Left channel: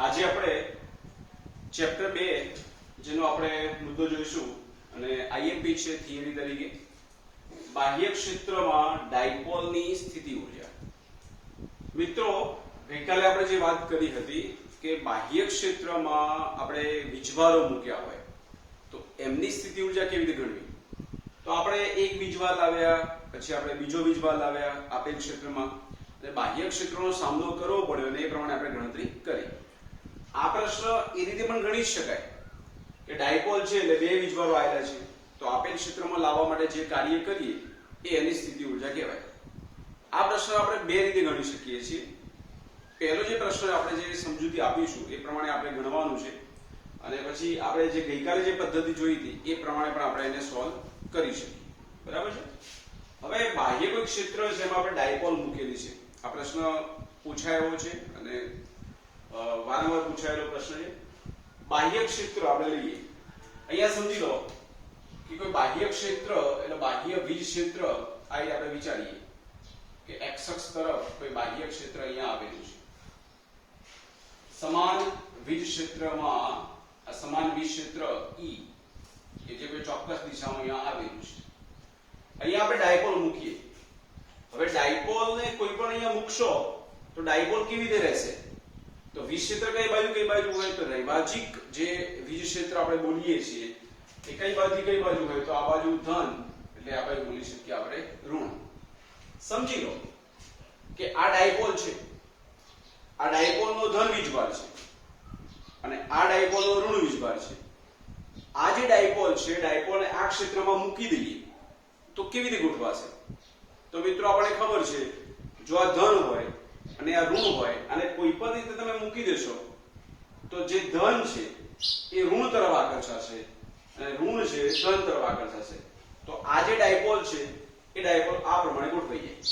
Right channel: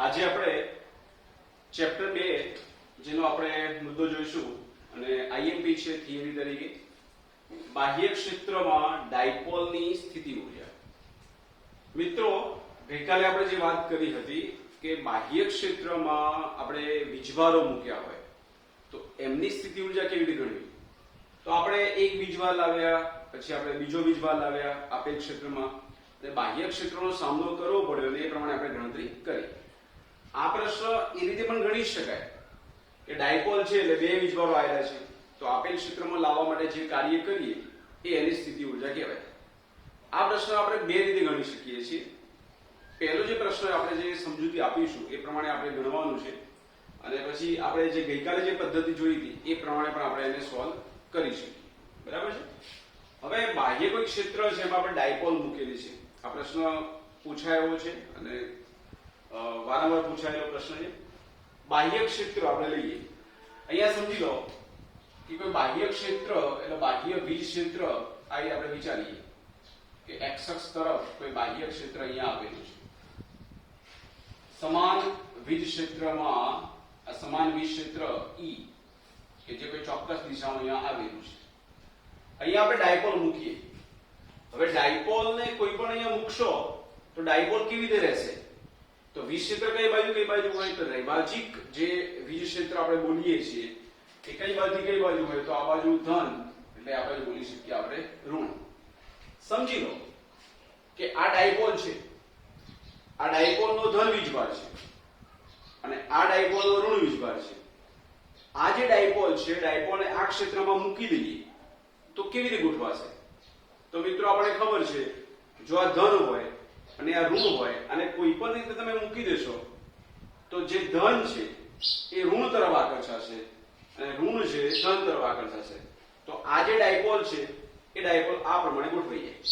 આજે આપણે ચેપ્ટર 2 જેનો આપણે મુદ્દો જોઈશું અને આઈએમપી છે થિયરી તરીકે બાહ્ય ક્ષેત્રમાં ડાયપોલની સ્થિતિ ઊર્જા। મિત્રો ગઈકાલે આપણે જે વાત કરી હતી કે બાહ્ય ક્ષેત્રમાં આપણે વીજભારો મૂક્યા હોય તો એમની સ્થિતિ ઊર્જા કેવી રીતે ગણવી। તો આપણે એક વીજભાર લાવ્યા, પછી આપણે બીજો વીજભાર લાવ્યા આપેલ ક્ષેત્રમાં અને બાહ્ય ક્ષેત્રનો સામનો કરવો પડ્યો અને એ પ્રમાણે આપણે ગણતરી કરી। આ પ્રશ્ન એ રીતે પણ ગણી શકાય કે ડાયપોલ છે એટલે બે વીજભારો આવેલા છે તો આપેલ ક્ષેત્રમાં લાવવા માટે જે કાર્ય કરીએ એ એની સ્થિતિ ઊર્જા કહેવાય। આ પ્રશ્ન આપણે બે રીતે ગણી શકીએ છીએ। પહેલો જે પ્રશ્ન આપણે જે સમજૂતી આપીશું એ પ્રમાણે આપણે ગણવાનું છે અને પછી આપણે જે ગઈકાલે જે પદ્ધતિ જોઈ હતી એ પ્રમાણે પણ આપણે એને સોલ્વ કરી શકીએ, બરાબર છે। હવે બાહ્ય કોઈ ક્ષેત્ર છે એમાં આપણે ડાયપોલ મૂકેલી છે। આ પ્રશ્ન પૂછાયો છે અને વારંવાર પૂછાયેલો પ્રશ્ન છે। બાહ્ય ક્ષેત્ર આપણે લઈએ, અહીંયા સમજી લો કે કોઈ બાહ્ય ક્ષેત્ર એટલે બાહ્ય વીજ ક્ષેત્ર આ આપણે વિચારીએ કે એક્સ અક્ષ તરફ કોઈ બાહ્ય ક્ષેત્ર અહીંયા આવેલું છે। સમાન વીજ ક્ષેત્રમાં સમાન વીજ ક્ષેત્ર E કે જે કોઈ ચોક્કસ દિશામાં અહીંયા આવેલું છે। અહીંયા આપણે ડાયપોલ મૂકીએ। હવે ડાયપોલને કોઈ પણ અહીંયા મૂકશો તો ડાયપોલ કેવી રીતે રહેશે? તો વીજ ક્ષેત્ર કઈ બાજુ હોય તો નૈવાજિક જે વીજ ક્ષેત્ર આપણે બોલીએ છીએ એ કઈ બાજુ હોય તો આ બાજુ ધન એટલે આપણે બોલી શકીએ આપણે ઋણ। સમજી લો કે આ ડાયપોલ છે, આ ડાયપોલનો ધન વીજભાર છે અને આ ડાયપોલનો ઋણ વીજભાર છે। આ જે ડાયપોલ છે ડાયપોલને આ ક્ષેત્રમાં મૂકી દઈએ તો કેવી રીતે ગોઠવાશે? તો મિત્રો આપણે ખબર છે જો આ ધન હોય અને આ ઋણ હોય અને કોઈ પણ રીતે તમે મૂકી દેશો તો જે ધન છે એ ઋણ તરફ આકર્ષાશે અને ઋણ છે ધન તરફ આકર્ષાશે। તો આ જે ડાયપોલ છે એ ડાયપોલ આ પ્રમાણે ગોઠવાઈ જાય,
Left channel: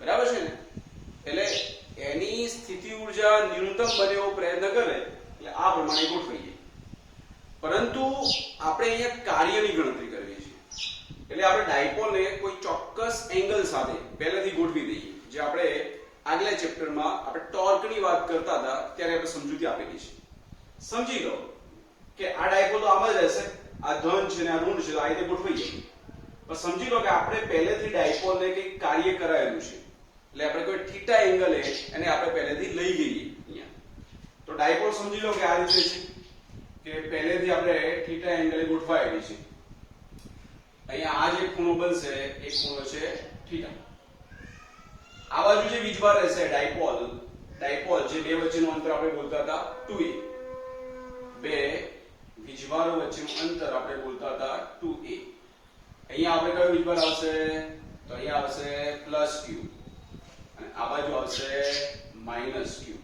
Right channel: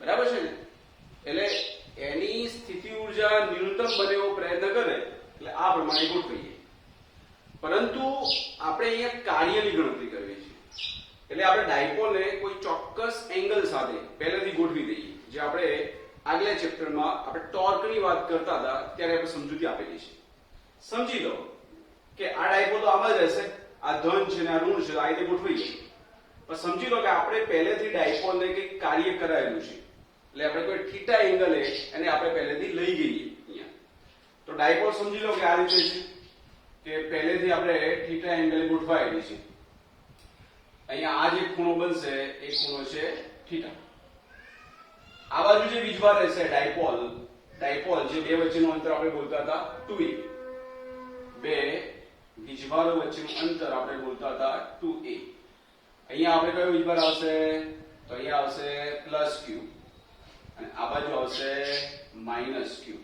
બરાબર છે ને? એટલે એની સ્થિતિ ઊર્જા ન્યૂનતમ બને એવો પ્રયત્ન કરે એટલે આ પ્રમાણે ગોઠવાઈ જાય। પરંતુ આપણે અહીંયા કાર્યની ગણતરી કરવી છે એટલે આપણે ડાયપોલને કોઈ ચોક્કસ એંગલ સાથે પહેલેથી ગોઠવી દઈએ। જે આપણે આગલા ચેપ્ટરમાં આપણે ટોર્કની વાત કરતા હતા ત્યારે આપણે સમજૂતી આપેલી છે। સમજી લો કે આ ડાયપોલ તો આમ જ રહેશે, આ ધન છે ને આ ઋણ છે આ રીતે ગોઠવાઈ જાય। પણ સમજી લો કે આપણે પહેલેથી ડાયપોલને કંઈક કાર્ય કરાયેલું છે એટલે આપણે કોઈ થીટા એંગલે અને આપણે પહેલેથી લઈ ગઈએ અહીંયા। તો ડાયપોલ સમજી લો કે આ રીતે છે કે પહેલેથી આપણે થીટા એંગલે ગોઠવાયેલી છે। અહીંયા આ જે ખૂણો બનશે એ ખૂણો છે થીટા। આ બાજુ જે વીજભાર રહેશે ડાયપોલ જે બે વચ્ચેનું અંતર આપણે બોલતા હતા 2a, બે વીજભારો વચ્ચેનું અંતર આપણે બોલતા હતા 2a। અહીંયા આપણે કયો વીજભાર આવશે? તો અહીંયા આવશે +q અને આ બાજુ આવશે -q।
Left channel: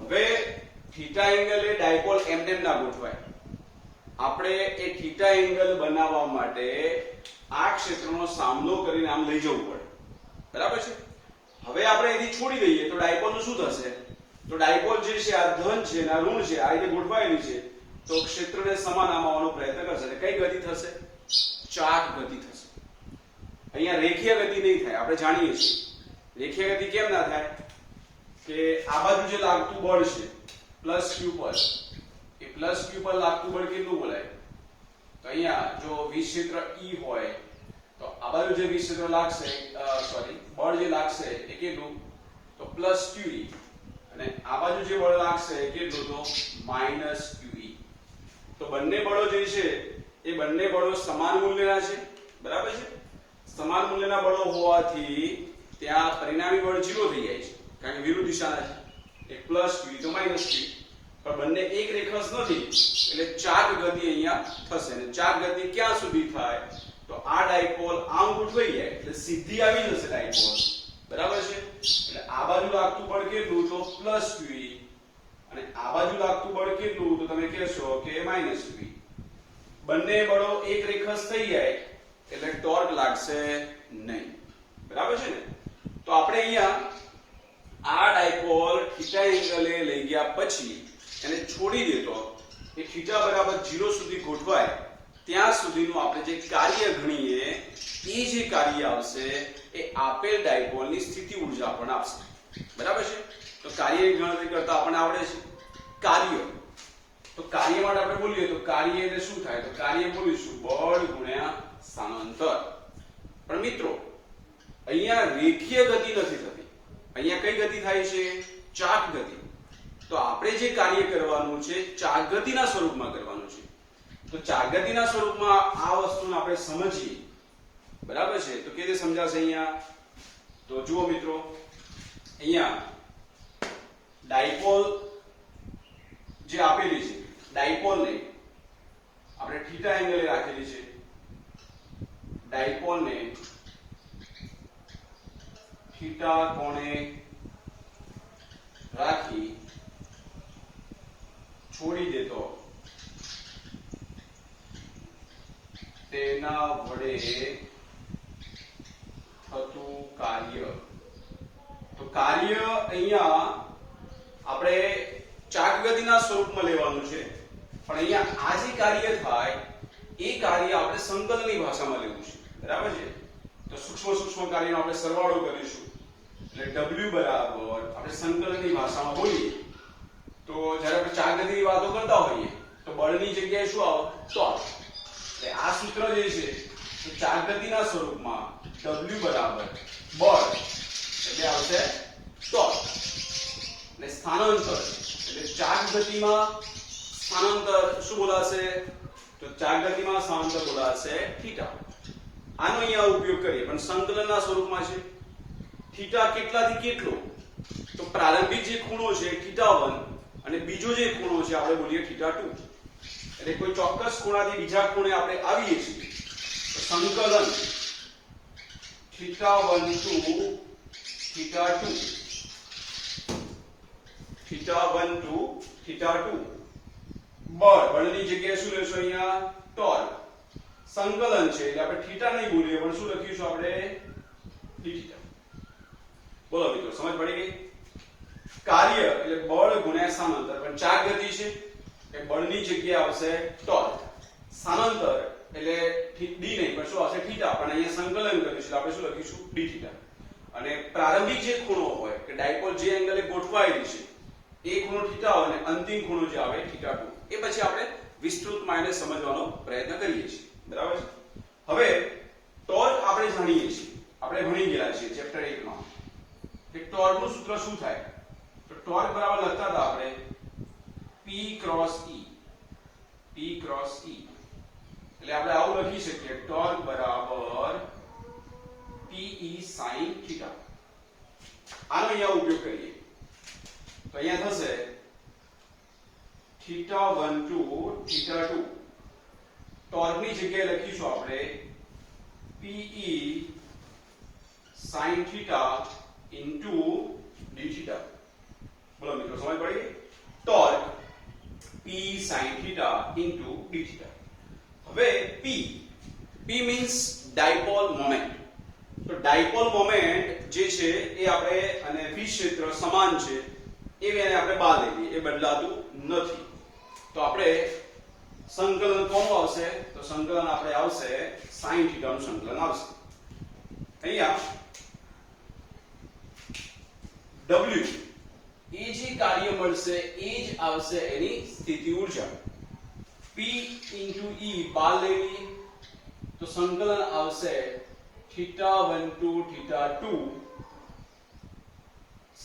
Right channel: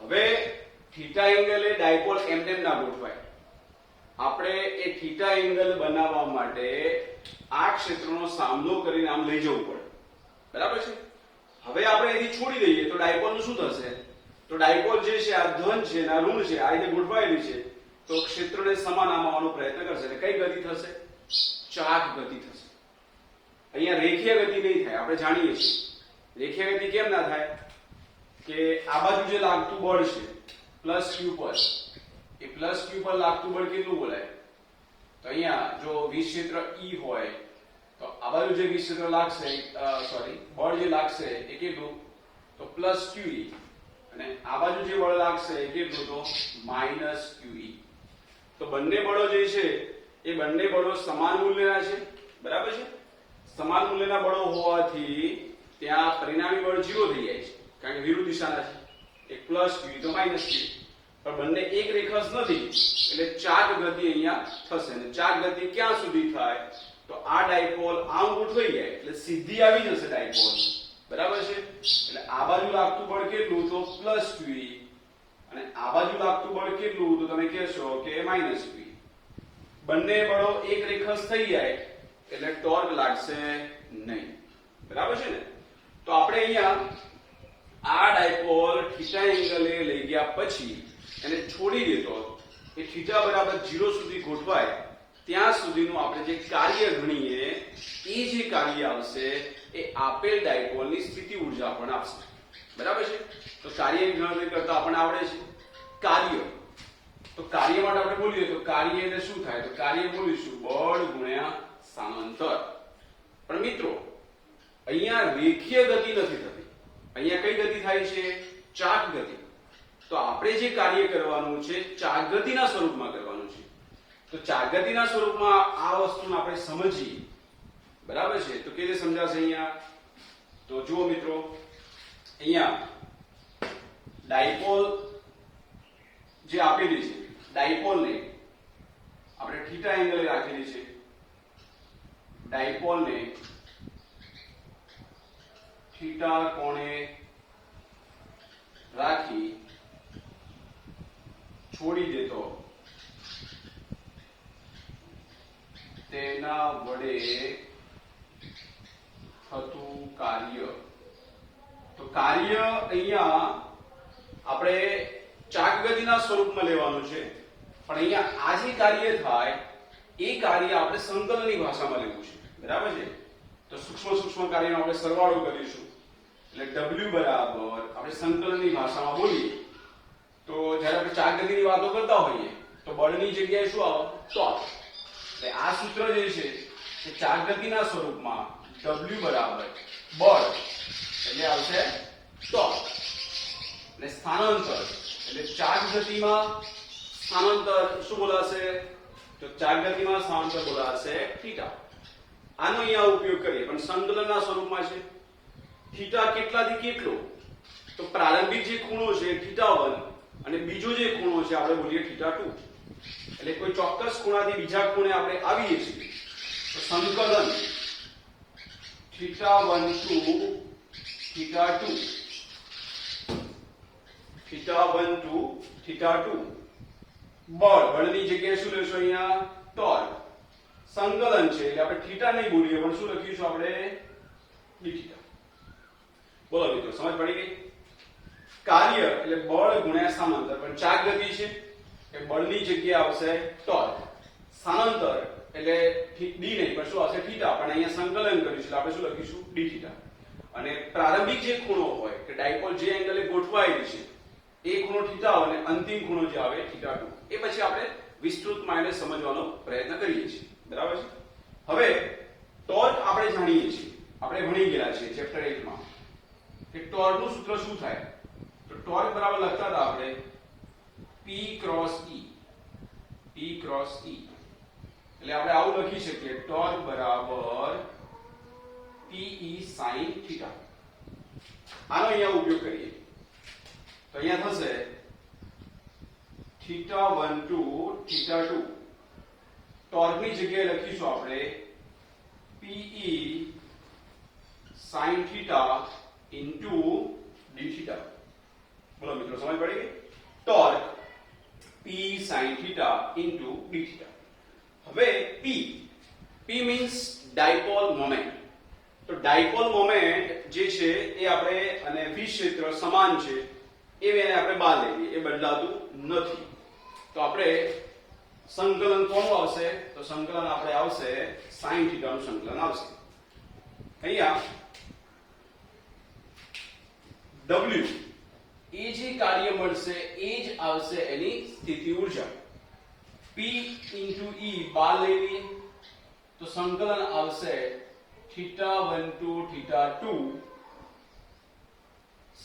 હવે થીટા એંગલે ડાયપોલ એમને ના ગોઠવાય, આપણે એ થીટા એંગલ બનાવવા માટે આ ક્ષેત્રનો સામનો કરીને આમ લઈ જવું પડે, બરાબર છે? હવે આપણે અહીંથી છોડી દઈએ તો ડાયપોલનું શું થશે? તો ડાયપોલ જે છે આ ધન છે અને આ ઋણ છે આ રીતે ગોઠવાયેલી છે તો ક્ષેત્રને સમાન આવવાનો પ્રયત્ન કરશે એટલે કઈ ગતિ થશે? ચાક ગતિ થશે। અહીંયા રેખીય ગતિ નહીં થાય, આપણે જાણીએ છીએ। રેખીય ગતિ કેમ ના થાય? કે આ બાજુ જે લાગતું બળ છે +q પર, એ +q પર લાગતું બળ કેટલું બોલાય? તો અહીંયા જો વીજ ક્ષેત્ર E હોય તો આ બાજુ જે વીજ ક્ષેત્ર લાગશે બળ જે લાગશે એ કેટલું? તો +qe અને આ બાજુ જે બળ લાગશે એ કેટલું? તો -qe। તો બંને બળો જે છે એ બંને બળો સમાન મૂલ્યના છે, બરાબર છે? સમાન મૂલ્યના બળો હોવાથી ત્યાં પરિણામી બળ 0 થઈ જાય છે કારણ કે વિરુદ્ધ દિશાના છે। એક +q તો -q, પણ બંને એક રેખસ નથી એટલે ચાક ગતિ અહીંયા થશે અને ચાક ગતિ ક્યાં સુધી થાય? તો આ ડાયપોલ આમ ગોઠવાઈ જાય એટલે સીધી આવી જશે ડાયપોલ, બરાબર છે? એટલે આ બાજુ લાગતું બળ કેટલું? તો +qe અને આ બાજુ લાગતું બળ કેટલું? તો તમે કહેશો કે -qe। બંને બળો એક રેખસ થઈ જાય એટલે ટોર્ક લાગશે નહીં, બરાબર છે ને? તો આપણે અહીંયા આ ડાયપોલ થીટા એંગલે લઈ ગયા પછી એને છોડી દેતો એ થીટા બરાબર 0 સુધી ગોઠવાય ત્યાં સુધીનું આપણે જે કાર્ય ગણીએ એ જે કાર્ય આવશે એ આપેલ ડાયપોલની સ્થિતિ ઊર્જા પણ આપશે, બરાબર છે? તો કાર્યની ગણતરી કરતા આપણને આવડે છે। કાર્ય, તો કાર્ય માટે આપણે બોલીએ તો કાર્ય એટલે શું થાય? તો કાર્ય બોલીશું બળ ગુણ્યા સ્થાનાંતર. પણ મિત્રો અહીંયા રેખીય ગતિ નથી થતી, અહીંયા કઈ ગતિ થાય છે? ચાક ગતિ. તો આપણે જે કાર્ય કરવાનું છે ચાક ગતિના સ્વરૂપમાં કરવાનું છે. તો ચાક ગતિના સ્વરૂપમાં આ વસ્તુને આપણે સમજીએ, બરાબર છે? તો કેવી રીતે સમજાશે અહીંયા? તો જુઓ મિત્રો, અહીંયા ડાયપોલ જે આપેલી છે, ડાયપોલને આપણે થીટા એંગલે રાખેલી છે. ડાયપોલને થીટા કોણે રાખી છોડી દેતો તેના વડે થતું કાર્ય. તો કાર્ય અહીંયા આપણે ચાક ગતિના સ્વરૂપમાં લેવાનું છે, પણ અહીંયા આ જે કાર્ય થાય એ કાર્ય આપણે સંકલનની ભાષામાં લેવું છે, બરાબર છે? તો સૂક્ષ્મ કાર્યનો આપણે સરવાળો કરીશું, એટલે W બરાબર આપણે સંકલનની ભાષામાં બોલીએ તો જ્યારે આપણે ચાક ગતિની વાતો કરતા હોઈએ તો બળની જગ્યાએ શું આવે? ટોર્ક. એટલે આ સૂત્ર જે છે એ ચાક ગતિના સ્વરૂપમાં W બરાબર બળ એટલે આવશે ટોર્ક, અને સ્થાનાંતર એટલે ચાક ગતિમાં સ્થાનાંતર શું બોલાશે? તો ચાક ગતિમાં સ્થાનાંતર બોલાશે થીટા. આનો અહીંયા ઉપયોગ કરીએ, પણ સંકલનના સ્વરૂપમાં છે. થીટા કેટલાથી કેટલો? તો પ્રારંભિક જે ખૂણો છે θ1 અને બીજો જે ખૂણો છે આપણે બોલીએ θ2. એટલે કોઈ ચોક્કસ ખૂણાથી બીજા ખૂણે આપણે આવીએ છીએ તો સંકલન θ1 to θ2, θ1 to θ2. બળની જગ્યાએ શું લેશો? અહીંયા ટોર્ક. સંકલન છે એટલે આપણે થીટા નહીં બોલીએ, પણ શું લખીશું આપણે? dθ. બોલો મિત્રો, સમજ પડી ગઈ? કાર્ય એટલે બળ ગુણ્યા સ્થાનાંતર, પણ ચાક ગતિ છે એ બળની જગ્યાએ આવશે ટોર્ક. સ્થાનાંતર એટલે d નહીં પણ શું આવશે? થીટા. પણ અહીંયા સંકલન કરીશું આપણે શું લખીશું? dθ. અને પ્રારંભિક જે ખૂણો હોય કે ડાયપોલ જે એંગલે ગોઠવાયેલી છે એ ખૂણો થીટા હોય, અને અંતિમ ખૂણો જે આવે θ2. એ પછી આપણે વિસ્તૃત માઈને સમજવાનો પ્રયત્ન કરીએ છીએ, બરાબર છે? હવે ટોર્ક આપણે જાણીએ છીએ, આપણે ભણી ગયેલા છીએ ચેપ્ટર 8 માં કે ટોર્કનું સૂત્ર શું થાય? તો ટોર્ક બરાબર લખતા હતા આપણે P cross E. P cross E એટલે આપણે આવું લખી શકીએ, ટોર્ક બરાબર PE sin θ. આનો અહીંયા ઉપયોગ કરીએ તો અહીંયા થશે θ1 to θ2. ટોર્કની જગ્યાએ લખીશું આપણે PE sin θ into dθ. બોલો મિત્રો, સમજ પડી ગઈ? Torque P sin θ into dθ. હવે P means ડાયપોલ મોમેન્ટ. તો ડાયપોલ મોમેન્ટ જે છે એ આપણે અને v ક્ષેત્ર સમાન છે એ વેને આપણે બહાર લઈએ, એ બદલાતું નથી. તો આપણે સંકલન કોનું આવશે? તો સંકલન આપણે આવશે sin θ નું સંકલન આવશે. અહીંયા W એ જે કાર્ય મળશે એ જ આવશે એની સ્થિતિ ઊર્જા. P into E બહાર લઈ લઈએ તો સંકલન આવશે θ1 to θ2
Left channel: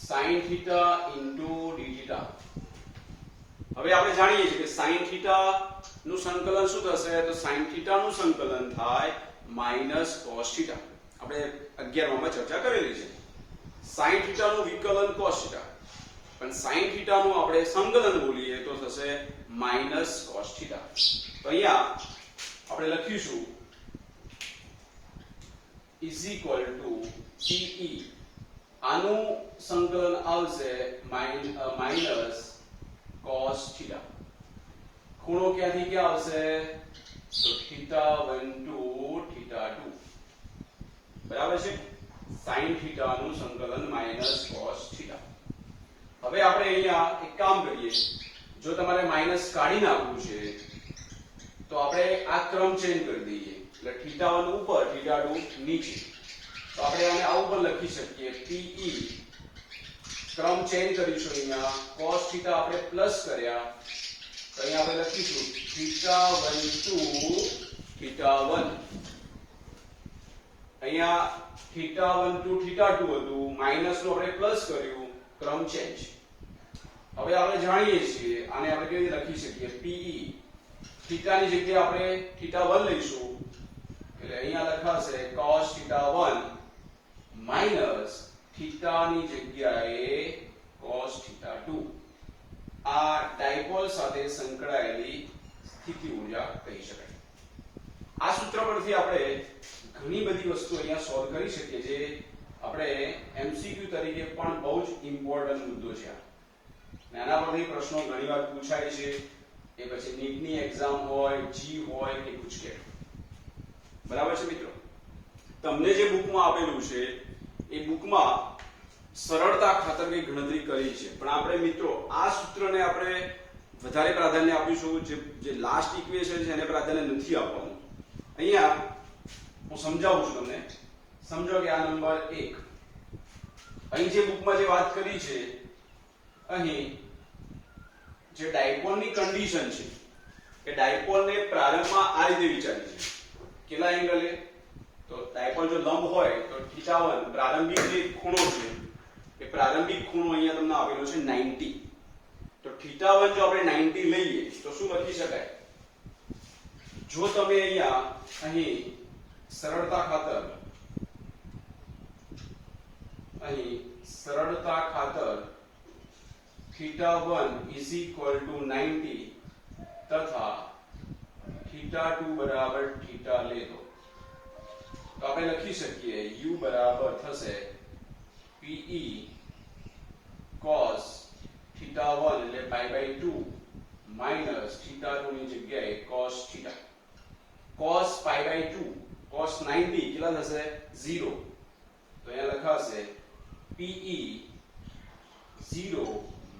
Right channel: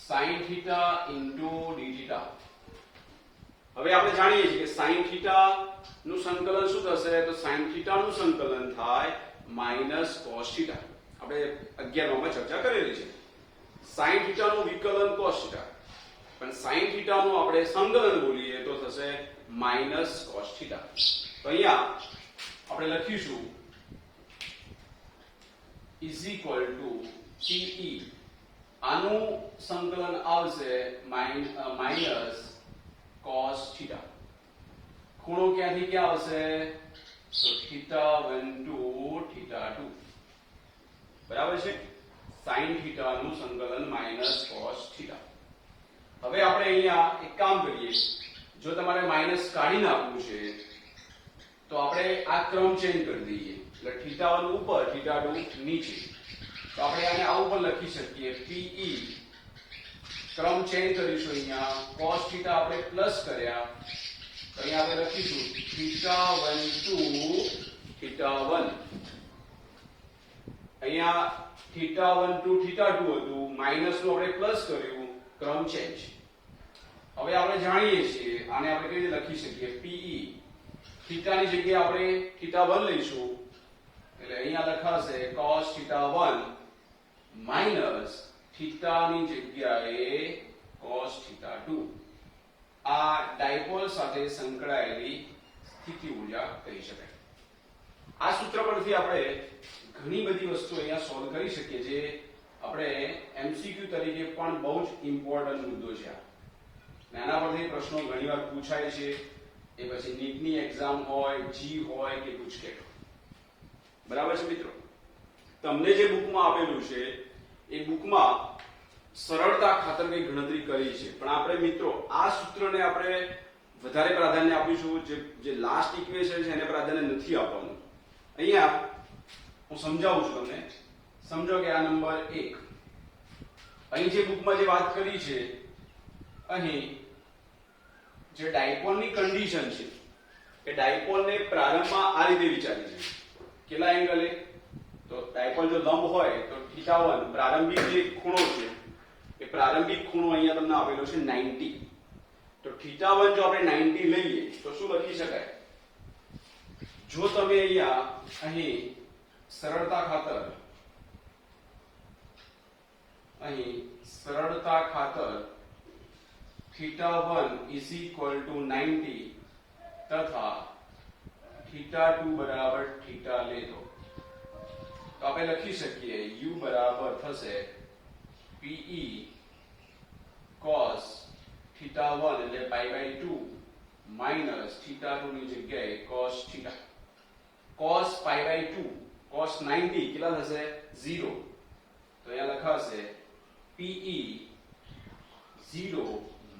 sin θ into dθ. હવે આપણે જાણીએ છીએ કે sin θ નું સંકલન શું થશે? તો sin θ નું સંકલન થાય -cos θ. આપણે 11 માં ચર્ચા કરેલી છે. sin θ નું વિકલન cos θ, પણ sin θ નું આપણે સંકલન બોલીએ તો થશે -cos θ. તો અહીંયા આપણે લખીશું is equal to PE. આનું સંકલન આવશે -cos θ. ખૂણો ક્યાંથી ક્યાં આવશે? તો θ1 to θ2, બરાબર છે? sin θ નું સંકલન -cos θ. હવે આપણે અહીંયા એક કામ કરીએ, જો તમારે માઈનસ કાઢી નાખવું છે તો આપણે આ ક્રમ ચેન્જ કરી દઈએ, એટલે θ1 ઉપર θ2 નીચે. તો આપણે આને આવું પણ લખી શકીએ PE ક્રમ ચેન્જ કરીશું અહીંયા cos θ આપણે પ્લસ કર્યા તો અહીંયા આપણે લખીશું θ1 to θ1 અહીંયા θ1 to θ2 હતું માઈનસ નું આપણે પ્લસ કર્યું ક્રમ ચેન્જ હવે આપણે જાણીએ છીએ આને આપણે કેવી રીતે લખી શકીએ pe θ ની જગ્યાએ આપણે θ1 લઈશું એટલે અહીંયા લખાશે cos θ1 માઈનસ θ ની જગ્યાએ cos θ2 આ ડાયપોલ સાથે સંકળાયેલી સ્થિતિ ઊર્જા કહી શકાય આ સૂત્ર પરથી આપણે ઘણી બધી વસ્તુ અહીંયા સોલ્વ કરી શકીએ જે આપણે એમસીક્યુ તરીકે પણ બહુ જ ઇમ્પોર્ટન્ટ મુદ્દો છે આના પરથી પ્રશ્નો ઘણીવાર પૂછાય છે એ પછી નીટની એક્ઝામ હોય જી હોય કે ગુજકેટ બરાબર છે મિત્રો તમને જે બુકમાં આપેલું છે એ બુકમાં સરળતા ખાતર કઈ ગણતરી કરી છે પણ આપણે મિત્રો આ સૂત્રને આપણે વધારે પ્રાધાન્ય આપીશું જે લાસ્ટ ઇક્વેશન છે એને પ્રાધાન્ય નથી આપવાનું અહીંયા હું સમજાવું છું તમને સમજો કે આ નંબર 1 અહીં જે બુકમાં જે વાત કરી છે અહીં જે ડાયપોલની કન્ડિશન છે કે ડાયપોલને પ્રારંભમાં આ રીતે વિચારી છે કેટલા એંગલે તો ડાયપોલ જો લંબ હોય તો θ1 પ્રારંભિક જે ખૂણો છે એ પ્રારંભિક ખૂણો અહીંયા તમને આપેલો છે 90 તો θ1 જો આપણે 90 લઈએ તો શું લખી શકાય જો તમે અહીંયા અહીં સરળતા ખાતર θ1 is equal to 90 તથા θ2 બરાબર θ લે દો તો આપણે લખી શકીએ u બરાબર થશે pe cos θ1 એટલે π/2 માઈનસ θ2 ની જગ્યાએ cos θ cos π/2 cos 90 કેટલા થશે 0 તો અહીંયા લખાશે pe 0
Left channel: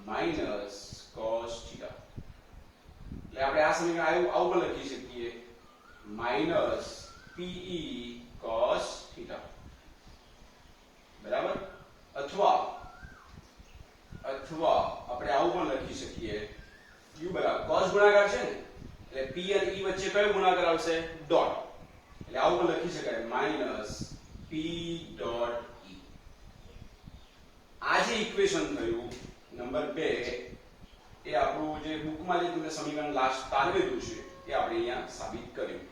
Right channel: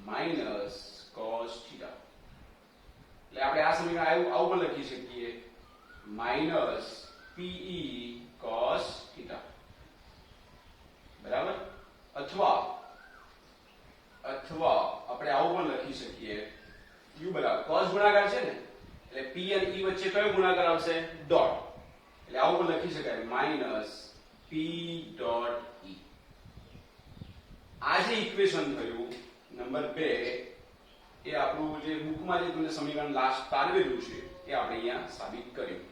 માઈનસ cos θ એટલે આપણે આ સમીકરણ આવું પણ લખી શકીએ માઈનસ pe cos θ બરાબર અથવા આપણે આવું પણ લખી શકીએ u બરાબર cos ગુણાકાર છે ને એટલે p અને e વચ્ચે કયો ગુણાકાર આવશે ડોટ એટલે આવું પણ લખી શકાય માઈનસ p ડોટ e આ જે ઇક્વેશન થયું નંબર 2 એ આપણું જે બુકમાં જે તમને સમીકરણ લાસ્ટ તારવેલું છે એ આપણે અહીંયા સાબિત કર્યું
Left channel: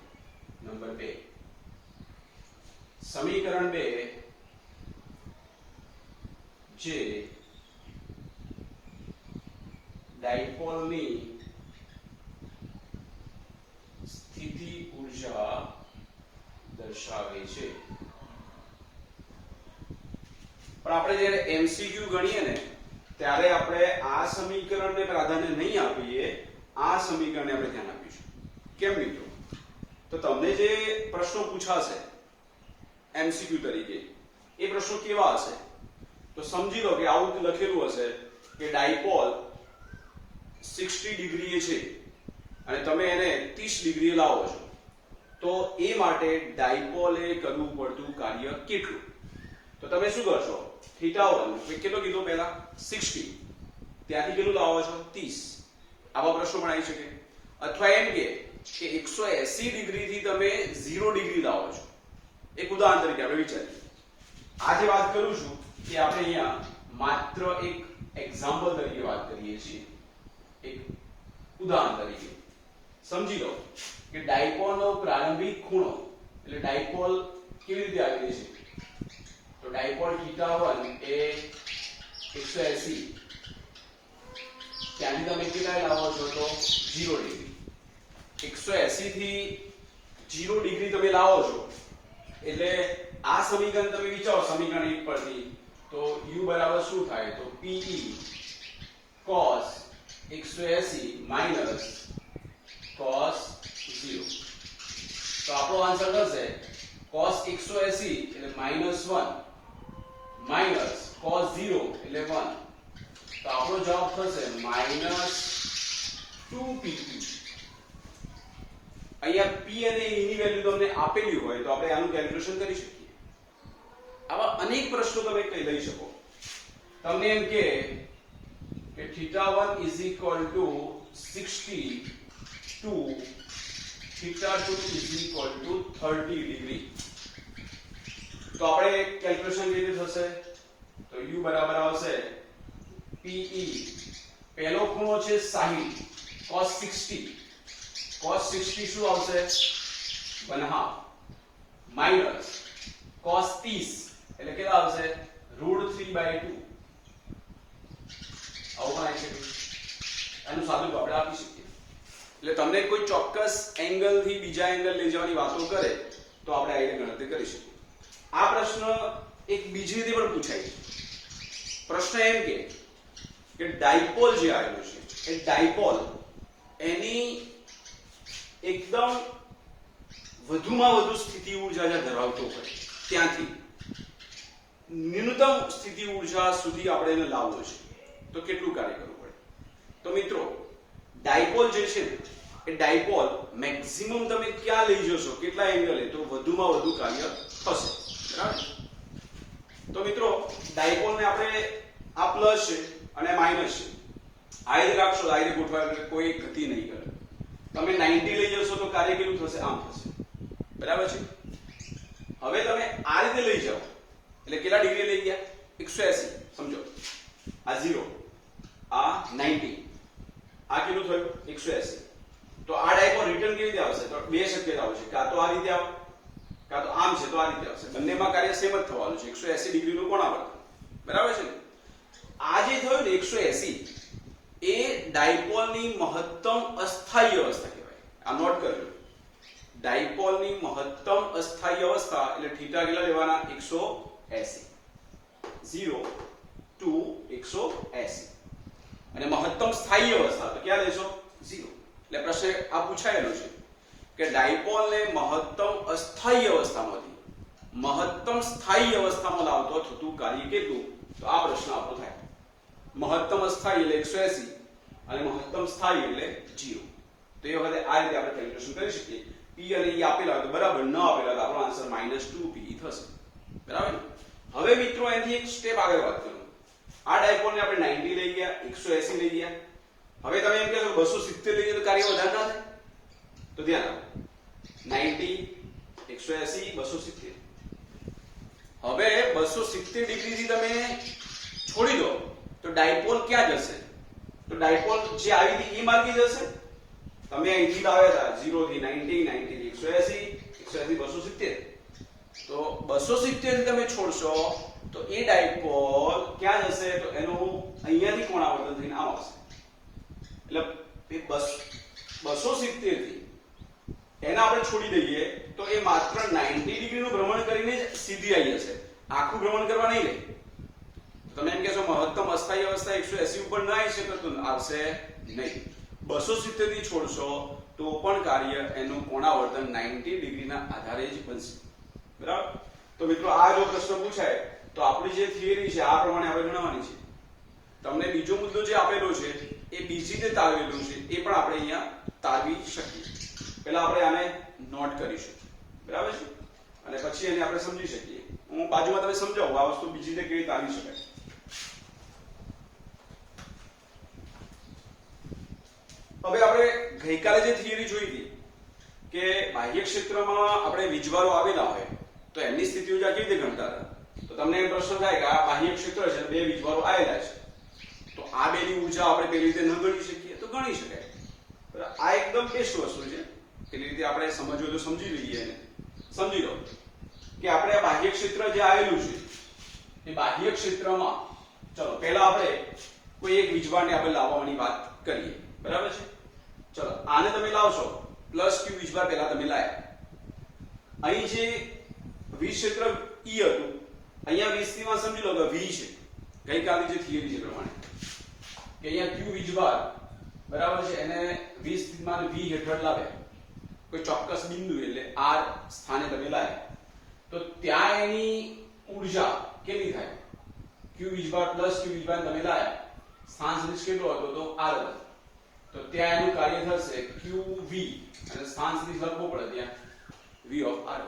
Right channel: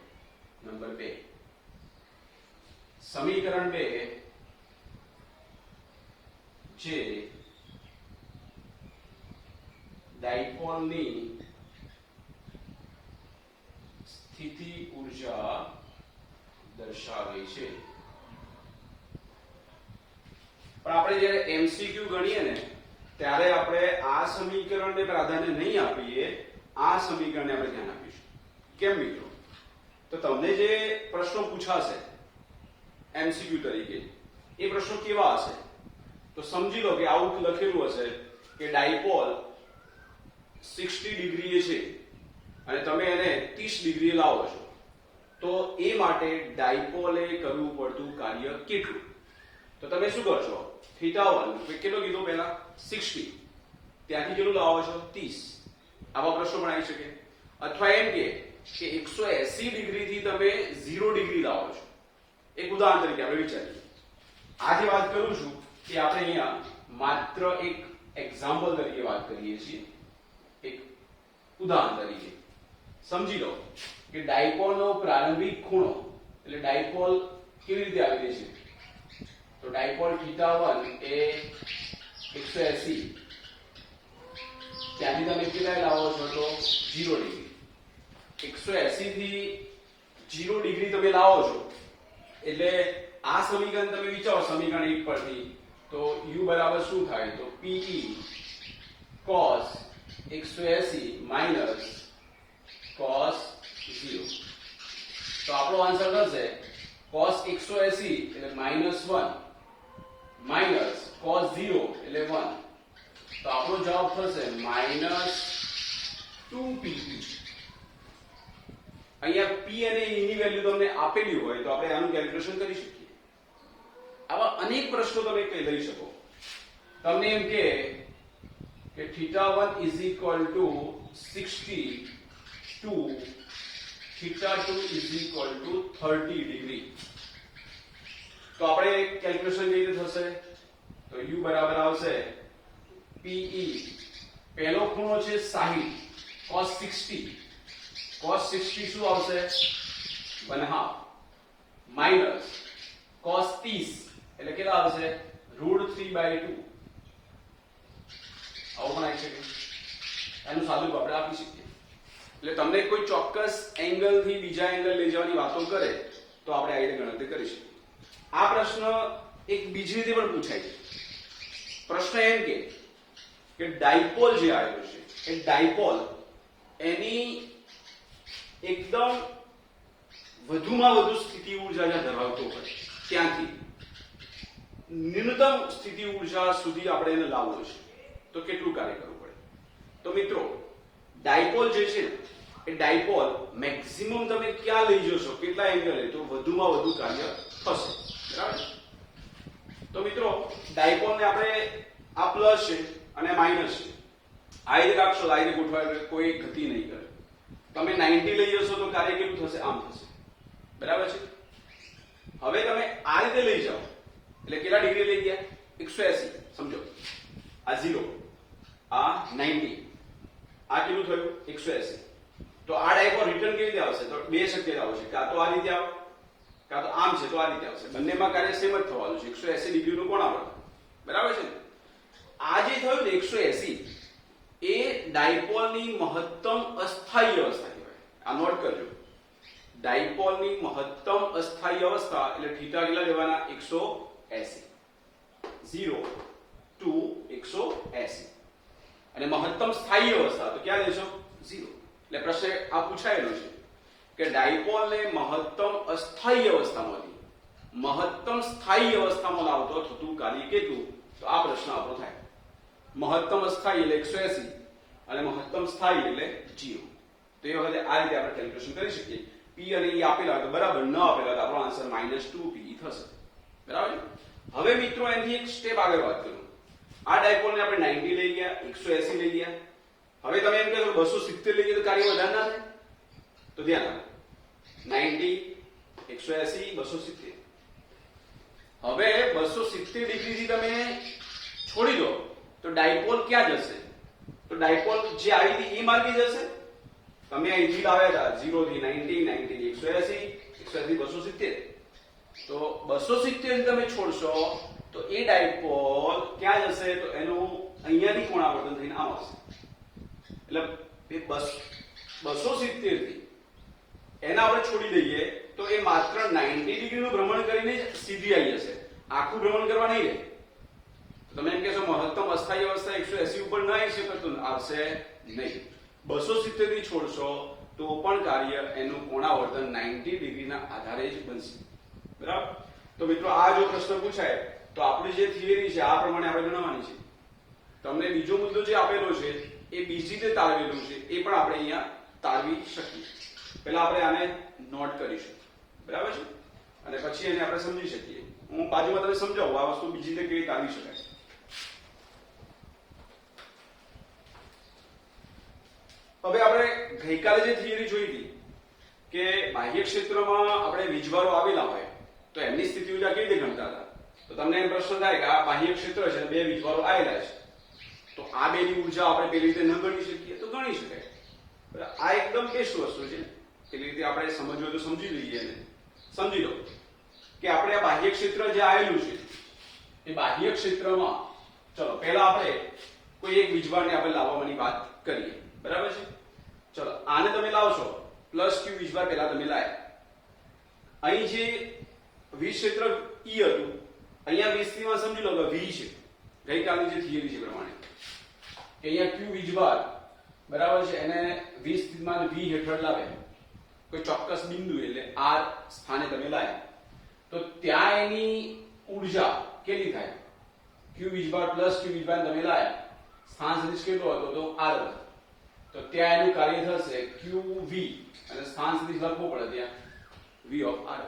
નંબર 2 સમીકરણ 2 જે ડાયપોલની સ્થિતિ ઊર્જા દર્શાવે છે પણ આપણે જ્યારે એમસીક્યુ ગણીએ ને ત્યારે આપણે આ સમીકરણને પ્રાધાન્ય નહીં આપીએ આ સમીકરણને આપણે ધ્યાન આપીશું કેમ મિત્રો તો તમને જે પ્રશ્નો પૂછાશે એમસીક્યુ તરીકે એ પ્રશ્નો કેવા હશે તો સમજી લો કે આવું લખેલું હશે કે ડાયપોલ 60 ડિગ્રીએ છે અને તમે એને 30 ડિગ્રી લાવો છો તો એ માટે ડાયપોલે કરવું પડતું કાર્ય કેટલું તો તમે શું કરશો θ1 કેટલો કીધો પહેલા 60 ત્યાંથી કેટલું લાવો છો 30 આવા પ્રશ્નો પણ આવી શકે અથવા એમ કે 180 ડિગ્રી થી તમે 0 ડિગ્રી લાવો છો એક ઉદાહરણ તરીકે આપણે વિચારીએ આ જે વાત કરું છું એ આપણે અહીંયા માત્ર એક એક્ઝામ્પલ તરીકે વાત કરીએ છીએ એક ઉદાહરણ તરીકે સમજી લો કે ડાયપોલનો પ્રારંભિક ખૂણો એટલે ડાયપોલ કેવી રીતે આવેલી છે તો ડાયપોલ θ1 એ 180 ત્યાંથી તમે કેટલા લાવો છો તો 0 ડિગ્રી 180 થી 0 ડિગ્રી તમે લાવો છો એટલે આ સમીકરણ તમે વિચારો સમીકરણ 1 પરથી તો u બરાબર શું થાય તો pe cos 180 minus cos 0 તો આપણો આન્સર થશે cos 180 એટલે -1 minus cos 0 એટલે 1 તો આપણો જવાબ થશે -2pe અહીંયા p અને e ની વેલ્યુ તમને આપેલી હોય તો આપણે આનું કેલ્ક્યુલેશન કરી શકીએ આવા અનેક પ્રશ્નો તમે લઈ શકો તમને એમ કે θ1 is equal to 60 to θ2 is equal to 30 degree. તો આપણે કેલ્ક્યુલેશન કેવી રીતે થશે? તો u બરાબર આવશે PE, પહેલો ખૂણો છે 60, cos 60, cos 60 શું આવશે 1/2 માઈનસ cos 30 એટલે કેટલા આવશે √3/2. આવું પણ આવી શકે. એનું સાદું આપણે આપી શકીએ. એટલે તમને કોઈ ચોક્કસ એંગલ થી બીજા એંગલ લઈ જવાની વાતો કરે તો આપણે આ રીતે ગણતરી કરી શકીએ. આ પ્રશ્ન એક બીજી રીતે પણ પૂછાય છે. પ્રશ્ન એમ કે ડાયપોલ જે આવેલું છે એ ડાયપોલ એની એકદમ વધુમાં વધુ સ્થિતિ ઊર્જા જે ધરાવતો હોય ત્યાંથી ન્યૂનતમ સ્થિતિ ઊર્જા સુધી આપણે એને લાવવું છે તો કેટલું કાર્ય કરવું પડે? તો મિત્રો ડાયપોલ જે છે એ ડાયપોલ મેક્સિમમ તમે ક્યાં લઈ જશો કેટલા એંગલે તો વધુમાં વધુ કાર્ય થશે. બરાબર? તો મિત્રો ડાયપોલને આપણે આ પ્લસ છે અને માઇનસ છે આ રીતે રાખશો આ રીતે ગોઠવાય કોઈ ગતિ નહીં કરે. તમે 90 લઈ જશો તો કાર્ય કેવું થશે? આમ થશે. બરાબર છે? હવે તમે આ રીતે લઈ જાઓ એટલે કેટલા ડિગ્રી લઈ ગયા? 180. સમજો આ 0 આ 90 આ કેટલું થયું 180. તો આ ડાયપોલ રિટર્ન કેવી રીતે આવશે? તો બે શક્યતા આવશે, કાં તો આ રીતે આવે કાં તો આમ છે તો આ રીતે આવશે. બંનેમાં કાર્ય સેમ જ થવાનું છે 180 ડિગ્રીનું કોણ આવશે. બરાબર છે ને? આ જે થયું ને 180 એ ડાયપોલની મહત્તમ અસ્થાયી અવસ્થા કહેવાય. આ નોટ કરજો. ડાયપોલની મહત્તમ અસ્થાયી અવસ્થા એટલે થીટા કેટલા લેવાના 180 0 to 180 અને મહત્તમ સ્થાયી અવસ્થા તો ક્યાં લેશો 0. એટલે પ્રશ્ન આ પૂછાયેલો છે કે ડાયપોલને મહત્તમ અસ્થાયી અવસ્થામાંથી મહત્તમ સ્થાયી અવસ્થામાં લાવતો થતું કાર્ય કેટલું? તો આ પ્રશ્ન આપણો થાય. મહત્તમ અસ્થાયી એટલે 180 અને મહત્તમ સ્થાયી એટલે 0. તો એ વખતે આ રીતે આપણે કેલ્ક્યુલેશન કરી શકીએ. P અને E આપેલા હોય તો બરાબર, ન આપેલા તો આપણો આન્સર -2PE થશે. બરાબર? હવે મિત્રો એની એક સ્ટેપ આગળ વાત કરું. આ ડાયપોલને આપણે 90 લઈ ગયા 180 લઈ ગયા. હવે તમે એમ કહેશો 270 લઈ ગયા તો કાર્ય વધારે ના થાય? તો ધ્યાન રાખો 90 180 270. હવે 270 ડિગ્રીથી તમે છોડી દો તો ડાયપોલ ક્યાં જશે? તો ડાયપોલ જે આવી હતી એ માર્ગે જશે. તમે અહીંથી લાવ્યા હતા 0 થી 90 90 થી 180 180 270. તો 270 થી તમે છોડશો તો એ ડાયપોલ ક્યાં જશે? તો એનું અહીંયાથી કોણાવર્તન થઈને આમ આવશે. એટલે 270 થી એને આપણે છોડી દઈએ તો એ માત્ર 90 ડિગ્રીનું ભ્રમણ કરીને સીધી આવી જશે. આખું ભ્રમણ કરવા નહીં લે. તમે એમ કહેશો મહત્તમ અસ્થાયી અવસ્થા 180 ઉપર ના આવી શકે તો આવશે નહીં. 270 થી છોડશો તો પણ કાર્ય એનું કોણાવર્તન 90 ડિગ્રીના આધારે જ બનશે. બરાબર? તો મિત્રો આ જો પ્રશ્ન પૂછાય તો આપણી જે થિયરી છે આ પ્રમાણે આપણે ગણવાની છે. તમને બીજો મુદ્દો જે આપેલો છે એ બીજી રીતે તારવેલું છે એ પણ આપણે અહીંયા તારવી શકીએ. પહેલા આપણે આને નોટ કરીશું. બરાબર છે? અને પછી એને આપણે સમજી શકીએ. હું બાજુમાં તમને સમજાવું આ વસ્તુ બીજી રીતે કેવી તારવી શકાય. હવે આપણે ગઈકાલે જે થિયરી જોઈ હતી કે બાહ્ય ક્ષેત્રમાં આપણે વીજવારો આવેલા હોય તો એમની સ્થિતિ ઊર્જા કેવી રીતે ગણતા હતા? તો તમને એમ પ્રશ્ન થાય કે આ બાહ્ય ક્ષેત્ર છે બે વીજવારો આવેલા છે તો આ બેની ઊર્જા આપણે પેલી રીતે ન ગણી શકીએ? તો ગણી શકાય. બરાબર? આ એકદમ બેસ્ટ વસ્તુ છે. પેલી રીતે આપણે સમજવું તો સમજી લઈએ અને સમજી લો કે આપણે આ બાહ્ય ક્ષેત્ર જે આવેલું છે એ બાહ્ય ક્ષેત્રમાં ચલો પહેલા આપણે કોઈ એક વીજવારને આપણે લાવવાની વાત કરીએ. બરાબર છે? ચલો આને તમે લાવશો +q વીજભાર પહેલા તમે લાયા. અહીં જે વીજ ક્ષેત્ર E હતું અહીંયા 20 માં સમજી લો કે V છે. ગઈકાલની જે થિયરી છે પ્રમાણે કે અહીંયા q વીજભાર બરાબર છે એને 20 સ્થિતિમાન V હેઠળ લાવ્યા. કોઈ ચોક્કસ બિંદુ એટલે R સ્થાને તમે લાયા તો ત્યાં એની ઊર્જા કેટલી થાય? q વીજભાર +q વીજભાર તમે લાયા સ્થાન સદિશ કેટલો હતો? તો R હતો. તો ત્યાં એનું કાર્ય થશે qv અને સ્થાન સદિશ લખવો પડે ત્યાં v of r.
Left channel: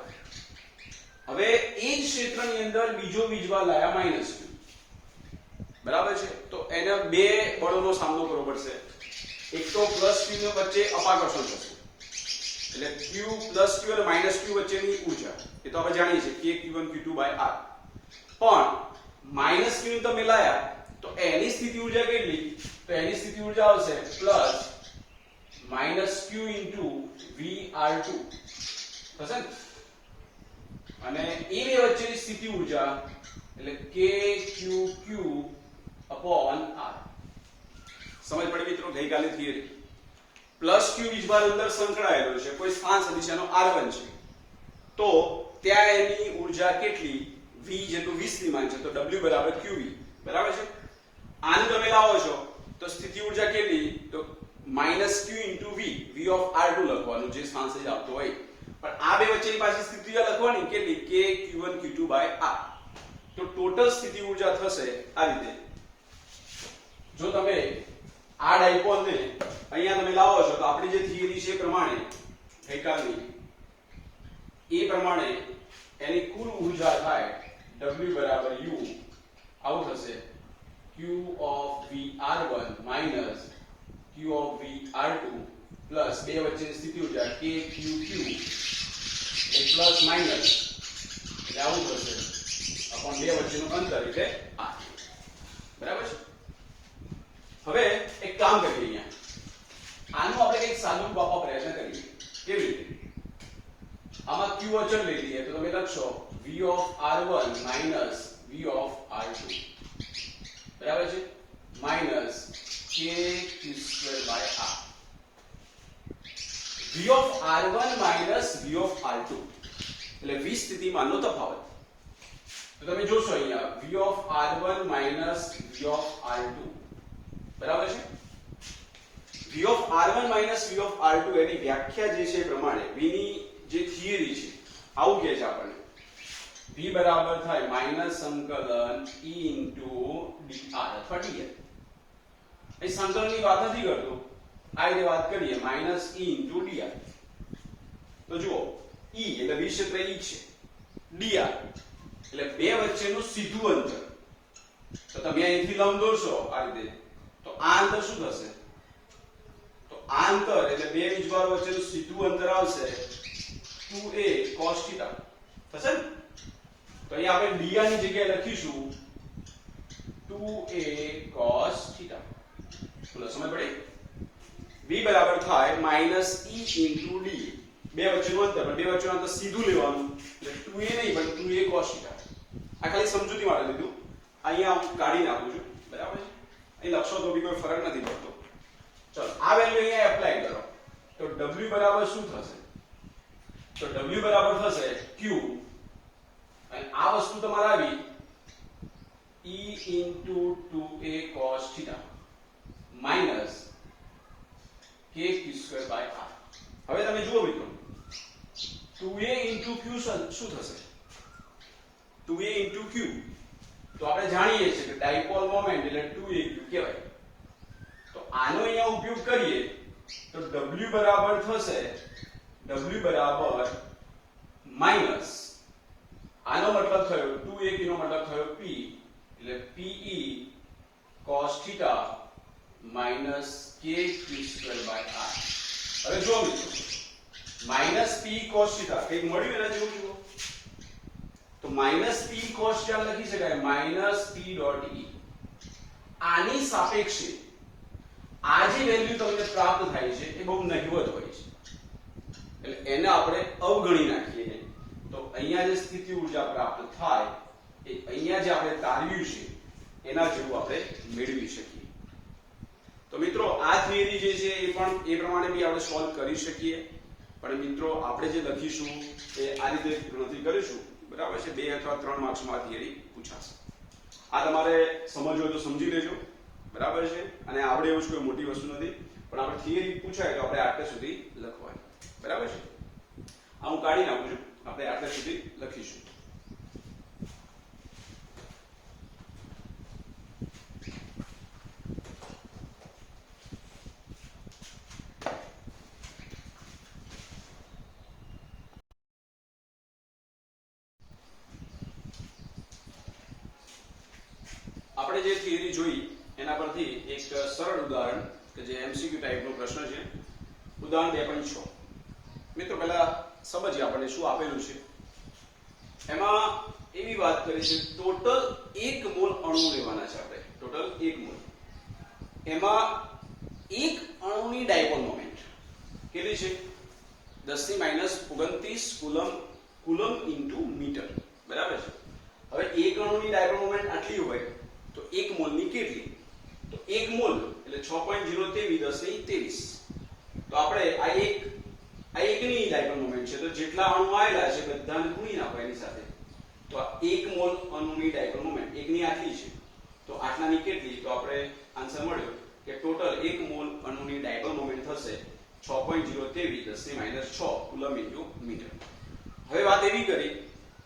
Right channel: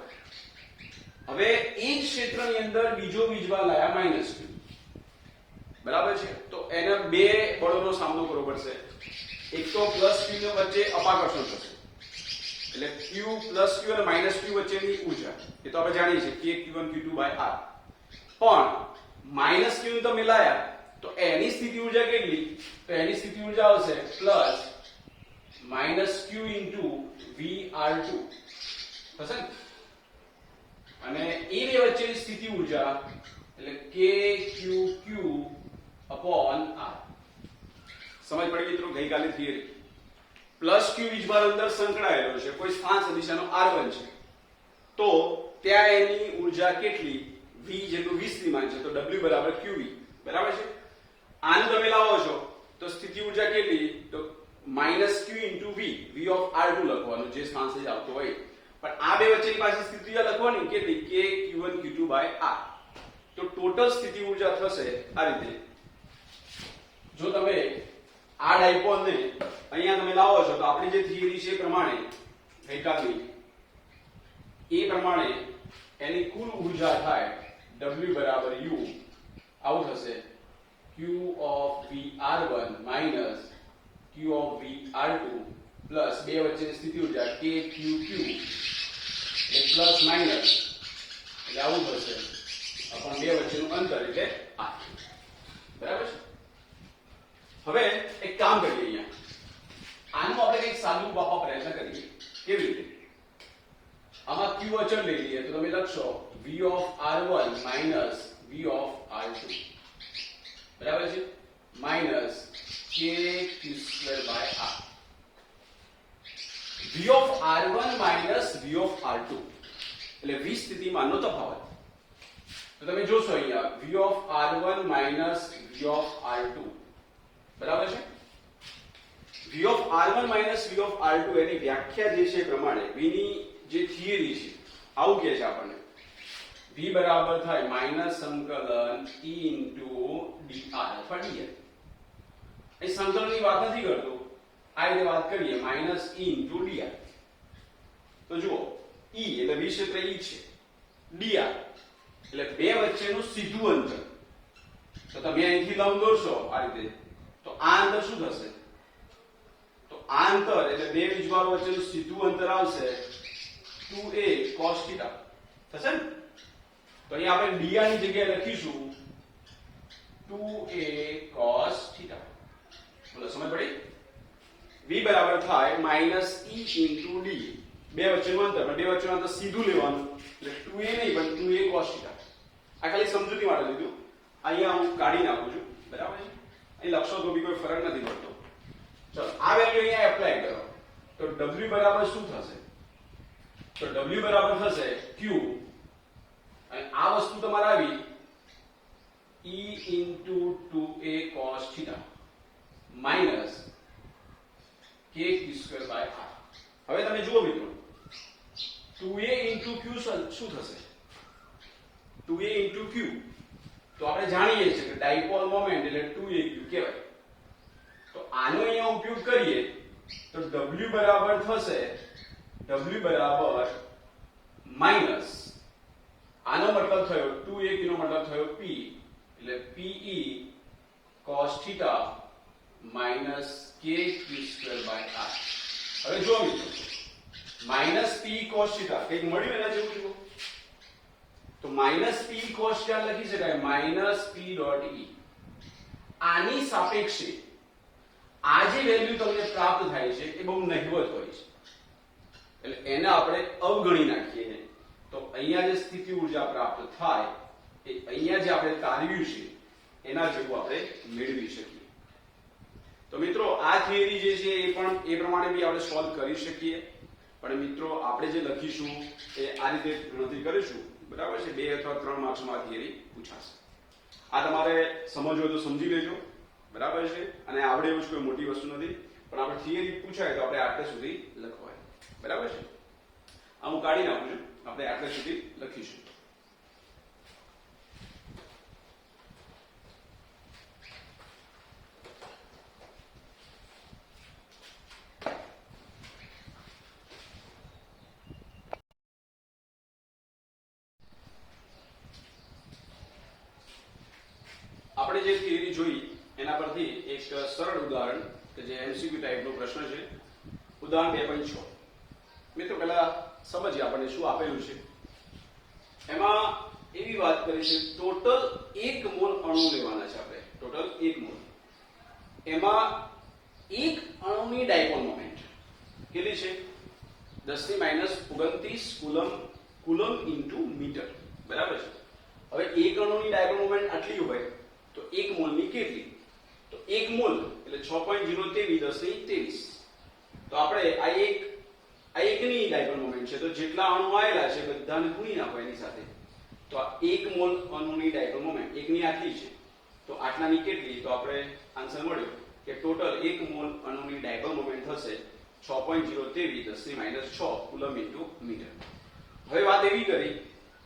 હવે એ જ ક્ષેત્રની અંદર બીજો વીજભાર લાયા -q. બરાબર છે. તો એને બે બળોનો સામનો કરવો પડશે. એક તો પ્લસ ક્યુ ની વચ્ચે અપાકર્ષણ થશે, એટલે ક્યુ પ્લસ ક્યુ અને માઇનસ ક્યુ વચ્ચેની ઉર્જા એ તો આપણે જાણીએ છીએ કે Q1 Q2 બાય R. પણ માઇનસ ક્યુ ને તમે લાયા તો એની સ્થિતિ ઉર્જા કેટલી? તો એની સ્થિતિ ઉર્જા આવશે પ્લસ માઇનસ ક્યુ ઇન્ટુ VR2 થશે ને. અને એ બે વચ્ચેની સ્થિતિ ઉર્જા એટલે KQQ અપોન R. સમજ પડી મિત્રો? ગઈકાલે થિયરી પ્લસ ક્યુ વીજભાર અંદર સંકળાયેલો છે, કોઈ સ્થાન સદિશાનો R1 છે, તો ત્યાં એની ઉર્જા કેટલી? V જેટલું 20 ની માંગ છે, તો W બરાબર QV. બરાબર છે. આને તમે લાવો છો તો સ્થિતિ ઉર્જા કેટલી? તો minus Q into V, V of R2 લખવાનું જે સ્થાન સદિશ આવતો હોય. પણ આ બે વચ્ચેની પાછી સ્થિતિ ઉર્જા લખવાની કેટલી? K Q1 Q2 by R. તો ટોટલ સ્થિતિ ઉર્જા થશે આ રીતે. જો તમે આ ડાયપોલ ને અહીંયા તમે લાવો છો તો આપણી જે થિયરી છે એ પ્રમાણે ગઈકાલની એ પ્રમાણે એની કુલ ઉર્જા થાય W બરાબર U આવું થશે Q of VR1 minus Q of VR2 plus બે વચ્ચેની સ્થિતિ ઉર્જા KQQ એટલે પ્લસ માઇનસ એટલે આવું થશે અપોન બે વચ્ચેનું અંતર એટલે R. બરાબર છે. હવે એક કામ કરીએ, અહીંયા આનું આપણે કંઈક સાદું રૂપ આપવા પ્રયત્ન કરીએ. કેવી રીતે? આમાં Q અચળ લઈ લઈએ તો તમે લખશો V of R1 minus V of R2 બરાબર છે minus KQ2 by R. V of R1 minus V of R2 એટલે V સ્થિતિમાનનો તફાવત. તો તમે જોશો અહીંયા V of R1 minus V of R2 બરાબર છે. V of R1 minus V of R2 એની વ્યાખ્યા જે છે એ પ્રમાણે V ની જે થિયરી છે આવું કહે છે આપણને V બરાબર થાય માઇનસ સંકલન E into dr અથવા dr. અહીં સંકલનની વાત નથી કરતો, આ રીતે વાત કરીએ માઇનસ E into dr. તો જુઓ E એટલે V ક્ષેત્ર E છે, dr એટલે બે વચ્ચેનું સીધું અંતર. તો તમે અહીંથી લંબ દોરશો આ રીતે તો આ અંતર શું થશે? તો આ અંતર એટલે બે વીજભારો વચ્ચેનું સીધું અંતર આવશે 2a cos θ થશે ને. તો અહીંયા આપણે dr ની જગ્યાએ લખીશું 2a cos θ. બોલો સમજ પડી? v બરાબર થાય માઇનસ e into d, બે વચ્ચેનું અંતર, પણ બે વચ્ચેનું અંતર સીધું લેવાનું એટલે 2a નહીં પણ 2a cos θ. આ ખાલી સમજૂતી માટે લીધું, અહીંયા હું કાઢી નાખું છું. બરાબર છે. અહીં લખશો તો બી કોઈ ફરક નથી પડતો. ચલો આ વેલ્યુ અહીંયા એપ્લાય કરો તો w બરાબર શું થશે? તો w બરાબર થશે q અને આ વસ્તુ તમારે આવી e into 2a cos θ minus kq2 by r. હવે તમે જુઓ મિત્રો 2a into q શું થશે? 2a into q તો આપણે જાણીએ છીએ કે ડાયપોલ મોમેન્ટ એટલે 2aq કહેવાય. તો આનો અહીંયા ઉપયોગ કરીએ તો w બરાબર થશે w બરાબર માઈનસ આનો મતલબ થયો 2aq નો મતલબ થયો p એટલે pe cos θ minus kq2 by r. હવે જો મિત્રો માઈનસ p cos θ કંઈક મળ્યું એના જેવું જુઓ તો માઈનસ p cos θ લખી શકાય માઈનસ p ડોટ e. આની સાપેક્ષે આ જે વેલ્યુ તમને પ્રાપ્ત થાય છે એ બહુ નહિવત હોય છે એટલે એને આપણે અવગણી નાખીએ તો અહીંયા જે સ્થિતિ ઉર્જા પ્રાપ્ત થાય એ અહીંયા જે આપણે તારવ્યું છે એના જેવું આપણે મેળવી શકીએ. તો મિત્રો આ થિયરી જે છે એ પણ એ પ્રમાણે બી આપણે સોલ્વ કરી શકીએ, પણ મિત્રો આપણે જે લખીશું એ આ રીતે ગણતરી કરીશું. બરાબર છે. 2 અથવા 3 માર્ક્સમાં થિયરી પૂછાશે. આ તમારે સમજવું હોય તો સમજી લેજો. બરાબર છે. અને આપણે એવું જ કોઈ મોટી વસ્તુ નથી, પણ આપણે થિયરી પૂછાય તો આપણે આટલે સુધી લખવાની. બરાબર છે. આ હું કાઢી નાખું છું, આપણે આટલે સુધી લખીશું. આપણે જે થિયરી જોઈ એમસીક્યુ ટાઈપનો પ્રશ્ન છે. ઉદાહરણ 2.6. મિત્રો પહેલા સમજીએ આપણને શું આપેલું છે. એમાં એવી વાત કરી છે ટોટલ 1 મોલ અણુ લેવાના છે આપણે. Total 1 mall. એમાં એક અણુની ડાયપોલ મોમેન્ટ કેટલી છે? 10⁻29 કુલમ ઇન્ટુ મીટર. બરાબર છે. હવે એક અણુની ડાયપોલ મોમેન્ટ આટલી હોય તો 1 મોલની કેટલી? તો 1 મોલ એટલે 6.023 10⁻23. તો આપણે આ એકની ડાયપોલ મોમેન્ટ છે તો જેટલા અણુ આવેલા છે બધાને ગુણી નાખો એની સાથે. તો આ 1 મોલ અણુની ડાયપોલ મોમેન્ટ એકની આટલી છે તો આટલાની કેટલી? તો આપણે આન્સર મળ્યો કે ટોટલ 1 મોલ અણુની ડાયપોલ મોમેન્ટ થશે 6.023 10⁻6 કુલમ ઇન્ટુ મીટર. હવે વાત એવી કરી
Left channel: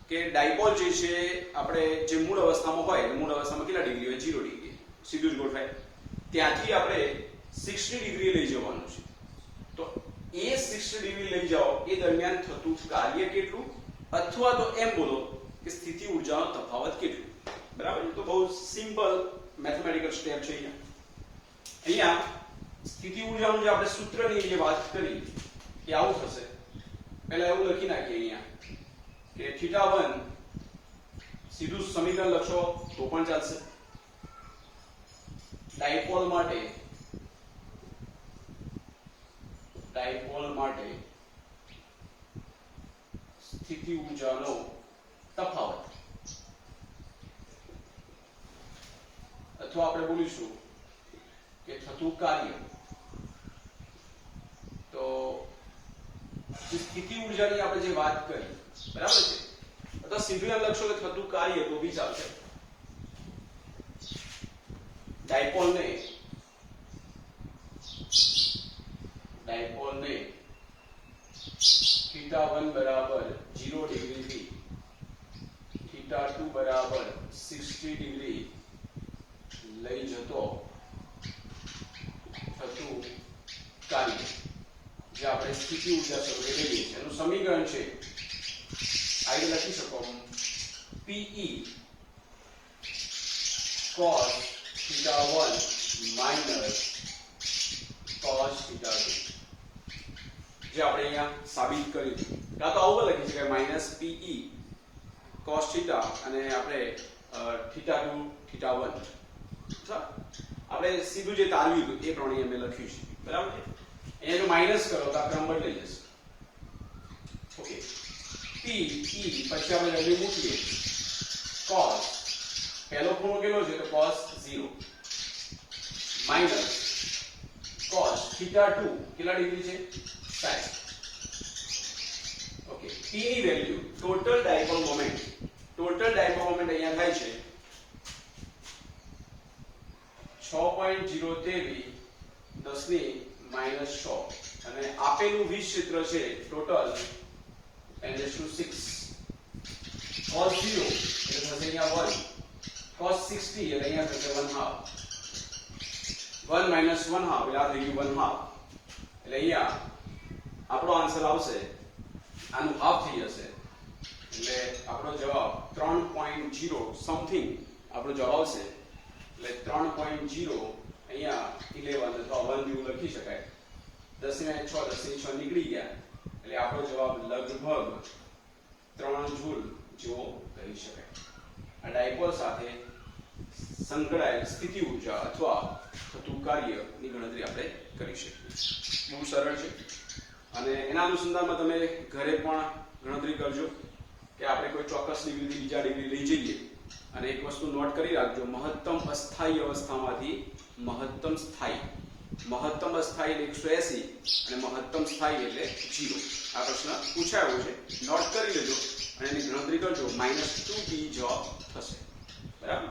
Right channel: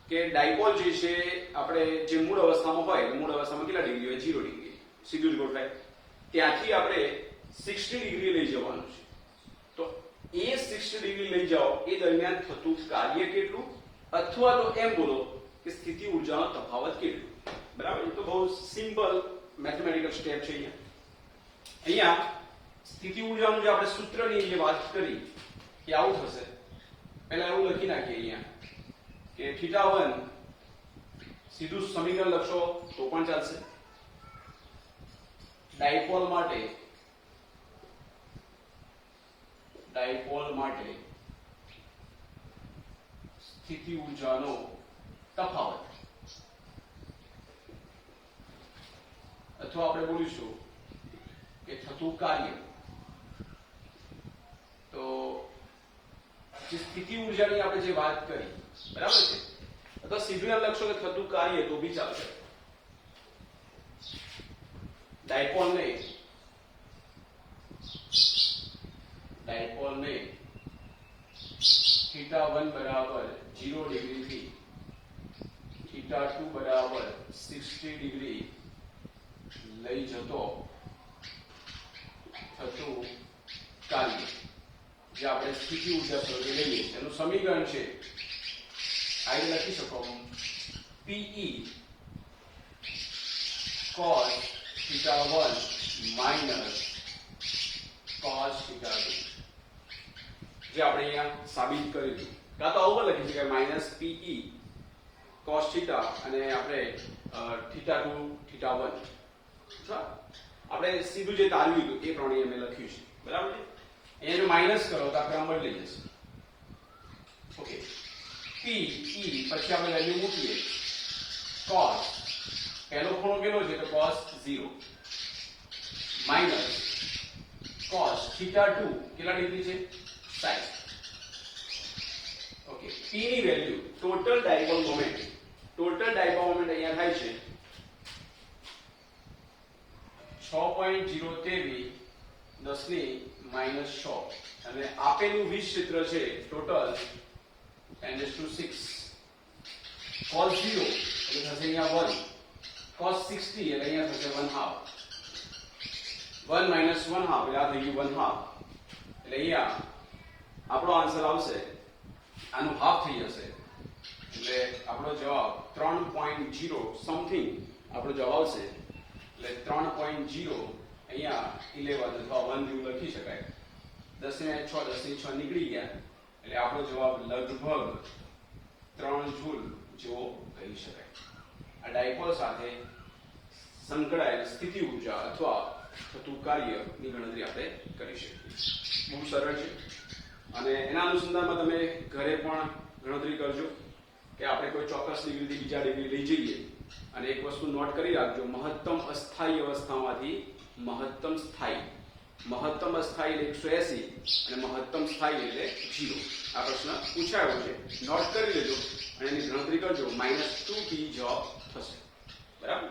કે ડાયપોલ જે છે આપણે જે મૂળ અવસ્થામાં હોય મૂળ અવસ્થામાં કેટલા ડિગ્રી હોય? 0 ડિગ્રી. સીધું જ ગોઠવાય. ત્યાંથી આપણે 60 ડિગ્રી લઈ જવાનું છે. તો એ 60 ડિગ્રી લઈ જાઓ એ દરમિયાન થતું કાર્ય કેટલું, અથવા તો એમ બોલો કે સ્થિતિ ઊર્જાનો તફાવત કેટલું. બરાબર. એ તો બહુ સિમ્પલ મેથમેટિકલ સ્ટેપ છે. અહીંયા સ્થિતિ ઊર્જાનું જે આપણે સૂત્રની જે વાત કરી એ આવું થશે. પહેલા એવું લખી નાખીએ અહીંયા કે θ1 સીધું સમીકરણ લખશો તો પણ ચાલશે. ડાયપોલ માટે સ્થિતિ ઊર્જાનો તફાવત અથવા આપણે બોલીશું કે થતું કાર્ય. તો સ્થિતિ ઊર્જાની આપણે જે વાત કરી બરાબર છે, અથવા સીધું લખશો કે થતું કાર્ય તો બી ચાલશે. ડાયપોલને θ1 બરાબર 0 ડિગ્રી થી θ2 બરાબર 60 ડિગ્રી લઈ જતો થતું કાર્ય જે આપણે સ્થિતિ ઊર્જા સ્વરૂપે લઈએ છીએ એનું સમીકરણ છે આ રીતે લખી શકો Pe cos θ1 minus cos θ2 જે આપણે અહીંયા સાબિત કર્યું હતું. કાં તો આવું લખી શકાય માઇનસ Pe cos θ અને આપણે θ2 θ1. આપણે સીધું જે તારવ્યું હતું એ પ્રમાણે અમે લખ્યું છે. બરાબર છે. અહીંયા જો માઇનસ કરો તો આ ક્રમ બદલાઈ જશે. ઓકે. P પછી આપણે વેલ્યુ મૂકીએ. cos પહેલો ખૂણો કેટલો છે તો cos 0 માઇનસ cos θ2 કેટલા ડિગ્રી છે? 60. ઓકે. P ની વેલ્યુ ટોટલ ડાયપોલ મોમેન્ટ અહીંયા થાય છે 6.023 10⁻6 અને આપેલું વીજ ક્ષેત્ર છે ટોટલ 10⁶. cos 0 એટલે થશે અહીંયા 1, cos 60 એટલે અહીંયા થશે 1/2, 1 minus 1/2 એટલે આ થઈ ગયું 1/2. એટલે અહીંયા આપણો આન્સર આવશે આનું હાફ થઈ જશે એટલે આપણો જવાબ 3.0 સમથિંગ આપણો જવાબ આવશે. એટલે 3.0 અહીંયા 11 અથવા 1 જેવું લખી શકાય. 10⁻6 નીકળી ગયા એટલે આપણો જવાબ લગભગ 3 જૂલ જેવો કહી શકાય. આ ડાયપોલ સાથે સંકળાયેલ સ્થિતિ ઊર્જા અથવા થતું કાર્યની ગણતરી આપણે કરી શકીએ. બહુ સરળ છે અને એના અનુસંધાનમાં તમે ઘરે પણ ગણતરી કરજો કે આપણે કોઈ ચોક્કસ ડિગ્રીથી બીજા ડિગ્રી લઈ જઈએ અને એક વસ્તુ નોટ કરી રાખજો, મહત્તમ અસ્થાયી અવસ્થામાંથી મહત્તમ સ્થાયી. મહત્તમ અસ્થાયી એટલે 180 અને મહત્તમ સ્થાયી એટલે 0. આ પ્રશ્ન પૂછાયો છે, નોટ કરી લેજો અને એની ગણતરી કરજો. -2p જવાબ થશે. બરાબર.